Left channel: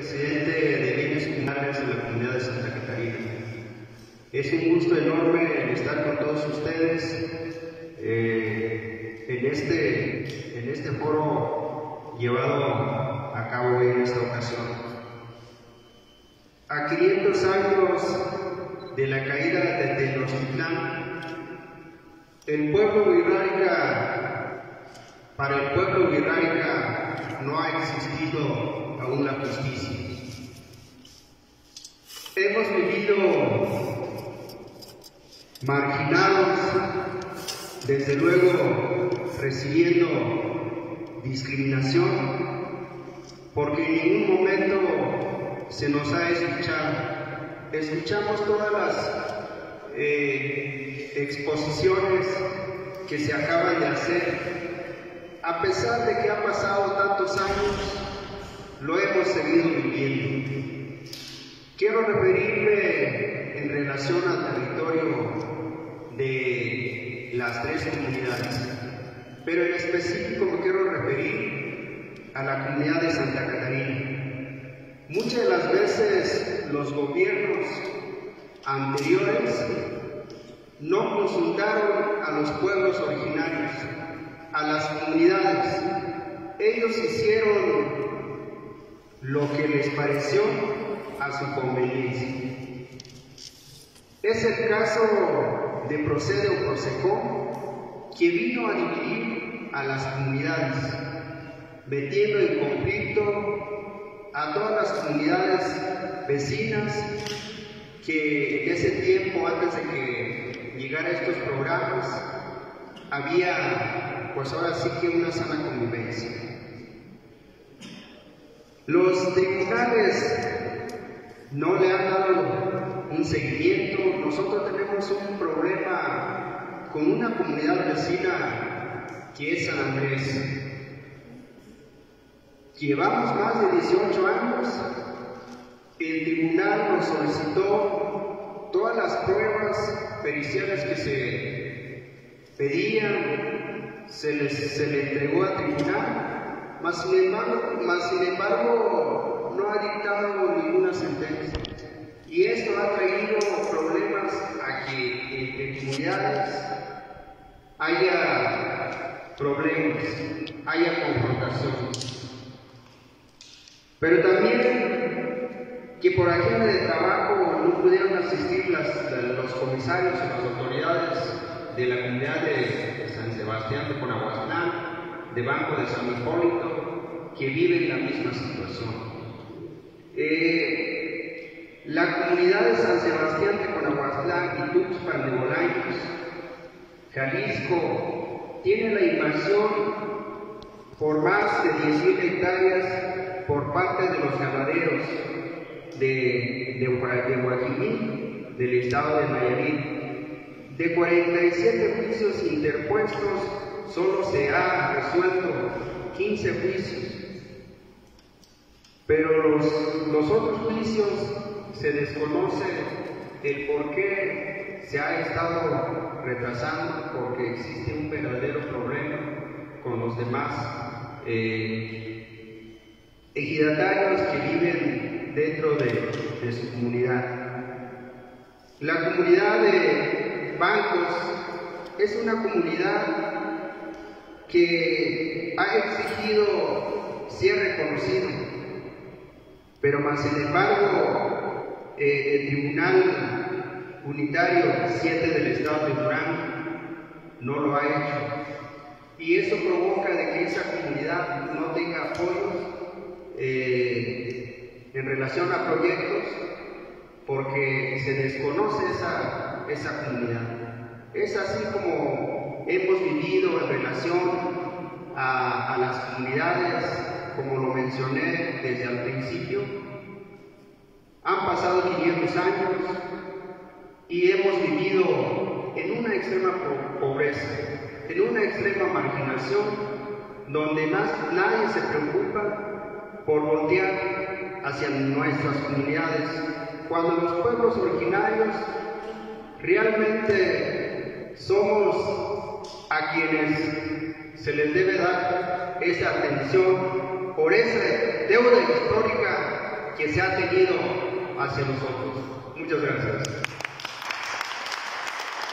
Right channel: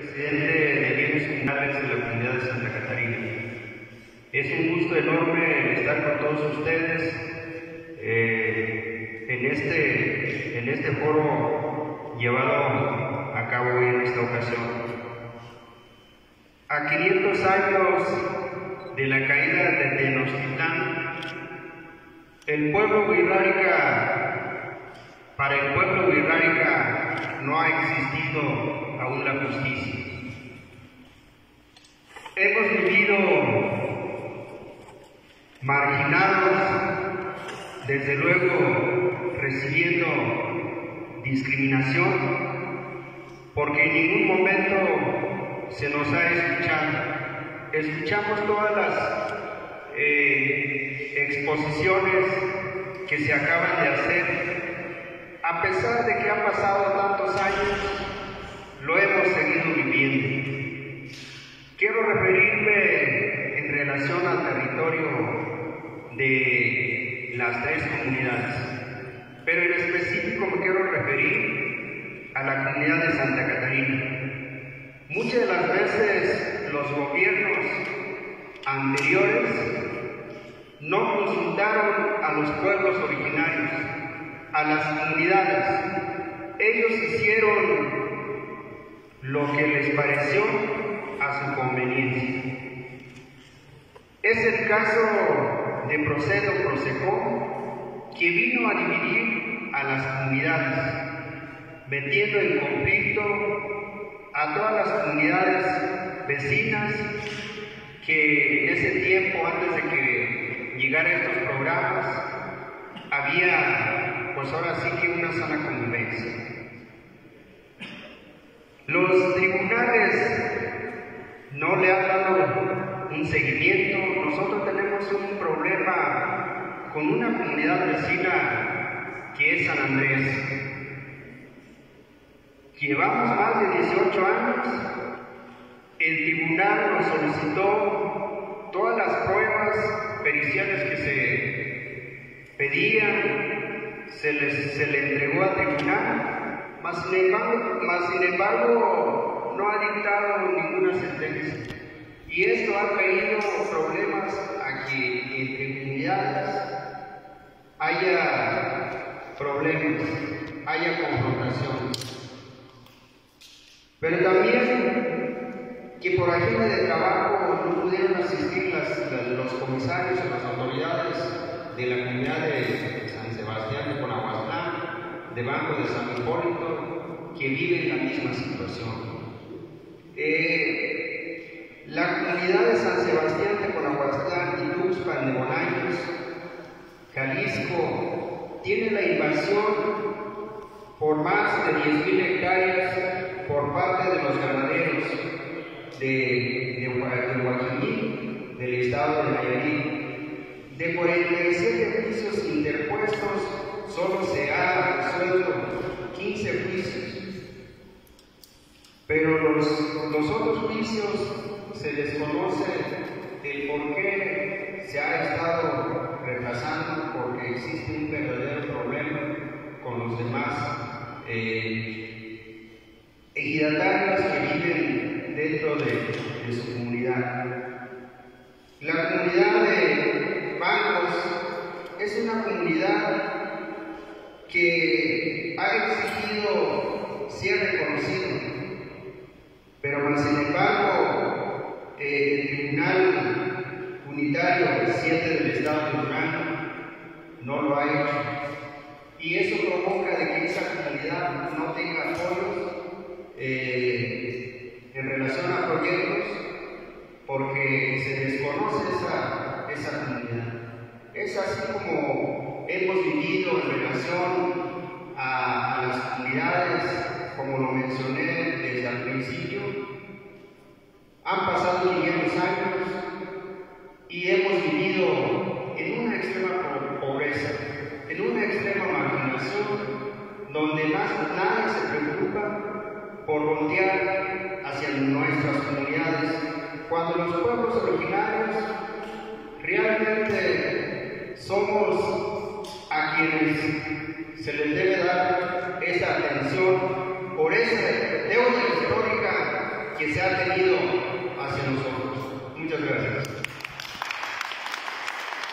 presidente de bienes comunales de la comunidad de Santa Catarina. Es un gusto enorme estar con todos ustedes en este foro llevado a cabo en esta ocasión. A 500 años de la caída de Tenochtitlán, para el pueblo wixárika no ha existido aún la justicia. Hemos vivido marginados, desde luego recibiendo discriminación, porque en ningún momento se nos ha escuchado. Escuchamos todas las exposiciones que se acaban de hacer. A pesar de que han pasado tantos años, lo hemos seguido viviendo. Quiero referirme en relación al territorio de las tres comunidades, pero en específico me quiero referir a la comunidad de Santa Catarina. Muchas de las veces los gobiernos anteriores no consultaron a los pueblos originarios, a las comunidades. Ellos hicieron lo que les pareció a su conveniencia. Es el caso de Procede o Procejó, que vino a dividir a las comunidades, metiendo en conflicto a todas las comunidades vecinas que en ese tiempo, antes de que llegaran estos programas, había, pues ahora sí que una sana convivencia. Los tribunales no le han dado un seguimiento. Nosotros tenemos un problema con una comunidad vecina que es San Andrés. Llevamos más de 18 años. El tribunal nos solicitó todas las pruebas periciales que se pedían, se le entregó al tribunal, mas sin embargo no ha dictado ninguna sentencia. Y esto ha traído problemas a que entre comunidades haya problemas, haya confrontación. Pero también que por agenda de trabajo no pudieron asistir los comisarios o las autoridades de la comunidad de San Sebastián de Conahuastlán, de Banco de San Hipólito, que viven la misma situación. La comunidad de San Sebastián de Conahuastlán y Tuxpan de Bolaños, Jalisco, tiene la invasión por más de 10,000 hectáreas por parte de los ganaderos de Guajiní, del estado de Nayarit. De 47 juicios interpuestos, solo se ha resuelto 15 juicios. Pero los otros juicios se desconoce el por qué se ha estado retrasando, porque existe un verdadero problema con los demás ejidatarios que viven dentro de su comunidad. La comunidad de Bancos es una comunidad que ha exigido ser reconocido, pero más sin embargo el Tribunal Unitario 7 del Estado de Durango no lo ha hecho, y eso provoca de que esa comunidad no tenga apoyos en relación a proyectos, porque se desconoce esa comunidad. Es así como hemos vivido en relación a las comunidades, como lo mencioné desde el principio. Han pasado 500 años y hemos vivido en una extrema pobreza, en una extrema marginación, donde nadie se preocupa por voltear hacia nuestras comunidades, cuando los pueblos originarios realmente somos a quienes se les debe dar esa atención por esa deuda histórica se ha tenido hacia nosotros.